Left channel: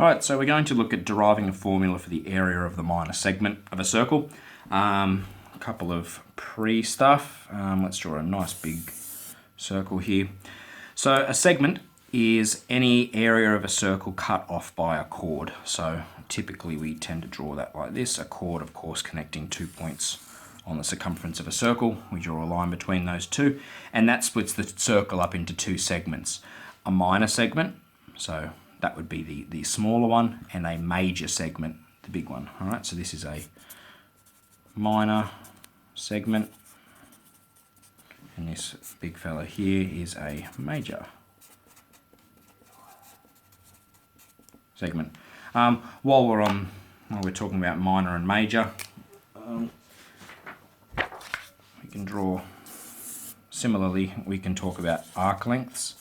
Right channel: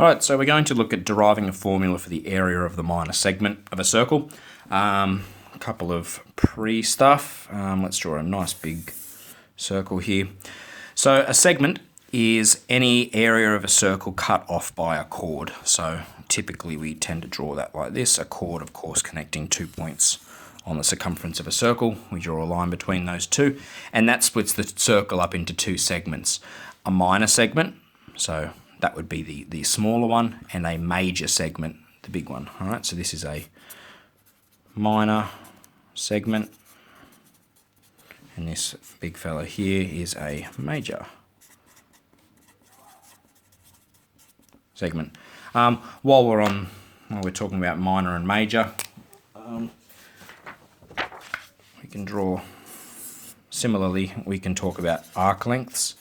Alright, so we're going to look at deriving a formula for the area of the minor segment of a circle. A couple of pre-stuff. Let's draw a nice big circle here. So a segment is any area of a circle cut off by a chord. So typically we tend to draw that like this. A chord, of course, connecting 2 points on the circumference of a circle. We draw a line between those two, and that splits the circle up into two segments. A minor segment, so that would be the smaller one, and a major segment, the big one. All right, so this is a minor segment, and this big fella here is a major segment. While we're talking about minor and major, we can draw. Similarly, we can talk about arc lengths.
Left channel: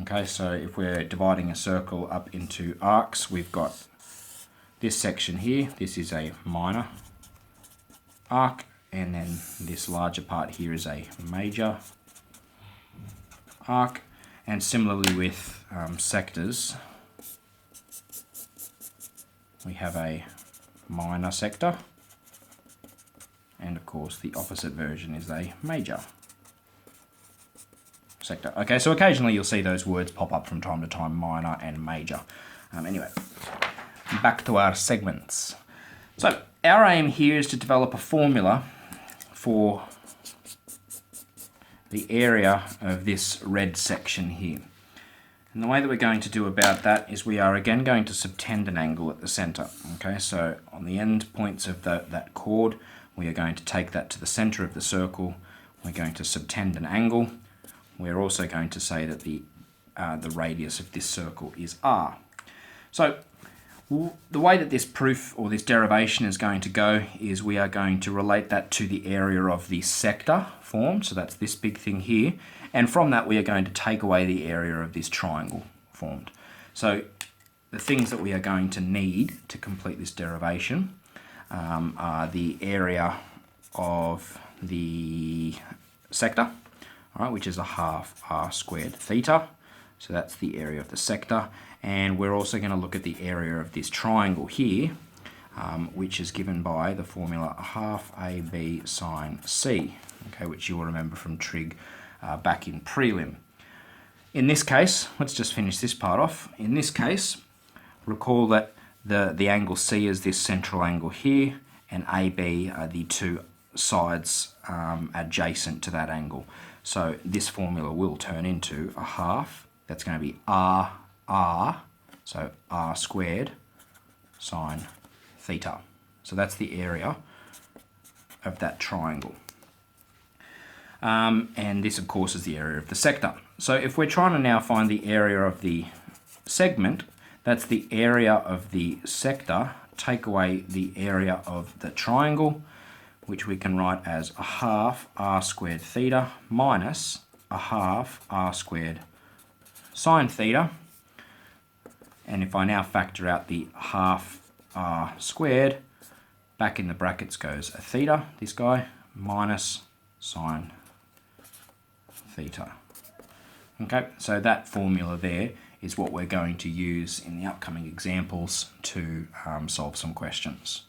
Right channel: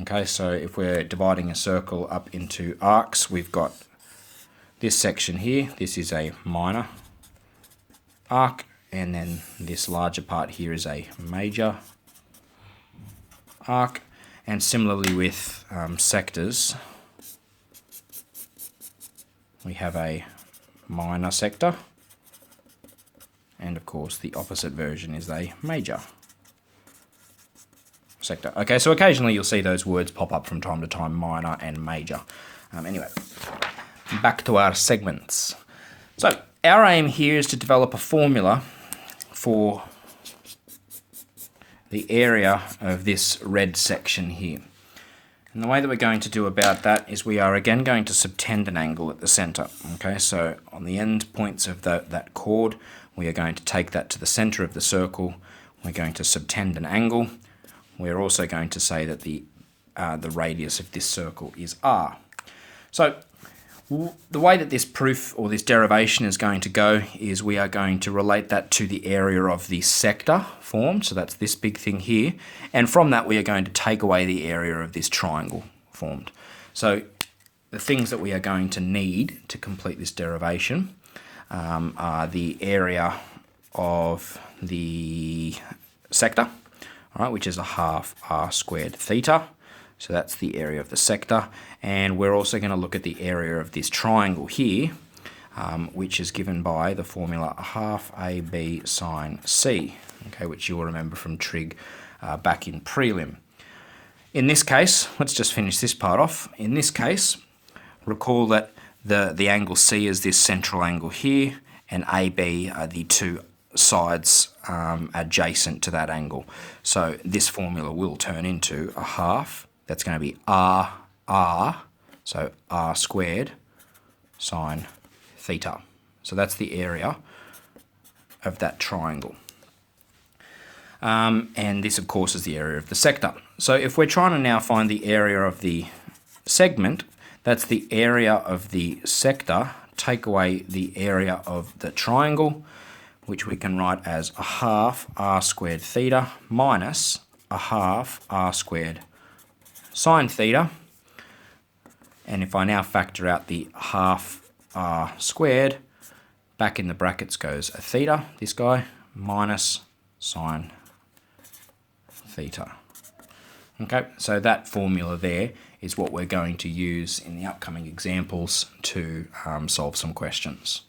Okay, so if we're dividing a circle up into arcs, we've got this section here. This is a minor arc, and then this larger part here is a major arc. And similarly with sectors, we have a minor sector, and of course the opposite version is a major sector. Okay, so occasionally you'll see those words pop up from time to time, minor and major. Anyway, back to our segments. So our aim here is to develop a formula for the area of this red section here. And the way that we're going to do about that is we are again going to subtend an angle at the center. Okay, so on the end points of that chord, we are going to take that to the center of the circle. We're going to subtend an angle. We're also going to say that the radius of this circle is r. So the way that this proof or this derivation is going to go is we are going to relate that to the area of the sector formed. So that's this big thing here. And from that, we are going to take away the area of this triangle formed. So the things that we are going to need to complete this derivation are the area of the sector, all right, which is a half r squared theta. So that's the area of the sector. And we're also going to look at the area of this triangle here, which is given by the formula half AB sine C, okay, which you'll remember from trig back in prelim. In this case, let's just finish this part off. In this case, recall that the angle C is this central angle here, and AB are the two sides adjacent to that angle. So this formula will turn into a half. That's going to be r, so r squared sine theta. So that's the area of that triangle. And this, of course, is the area of the sector. So if we're trying to now find the area of the segment, that's the area of the sector, take away the area of the triangle, which we can write as a half r squared theta minus a half r squared sine theta. And if I now factor out the half r squared, back in the brackets goes a theta, this guy, minus sine theta. Okay, so that formula there is what we're going to use in the upcoming examples to solve some questions.